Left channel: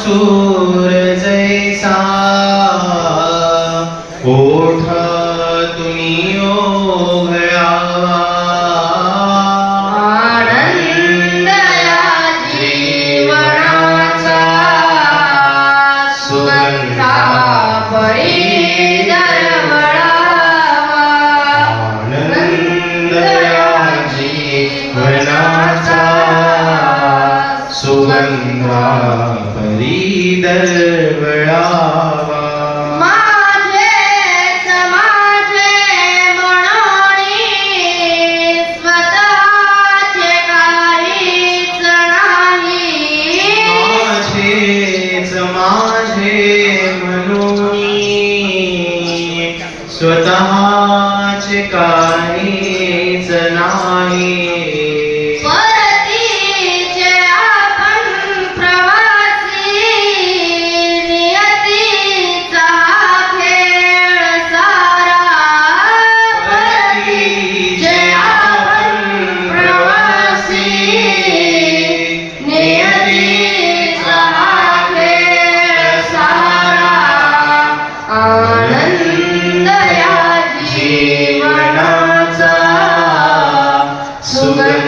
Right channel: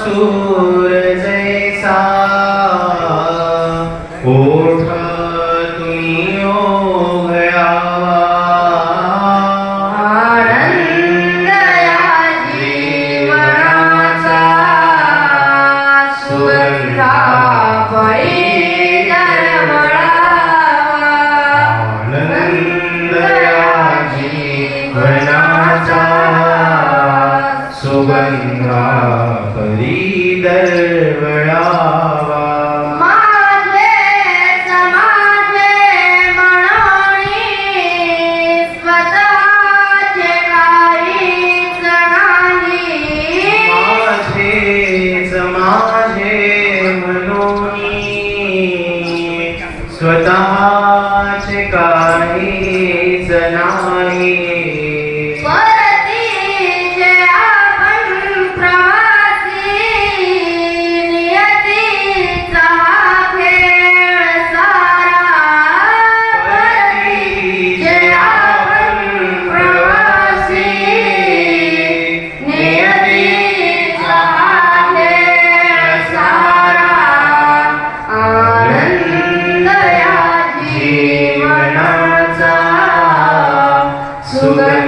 सूर जैसा ओठा तुम्ही ओघळा आनंद जीवनाचा सुगंधा परी ઇન્દ્રા ફરી દરવડા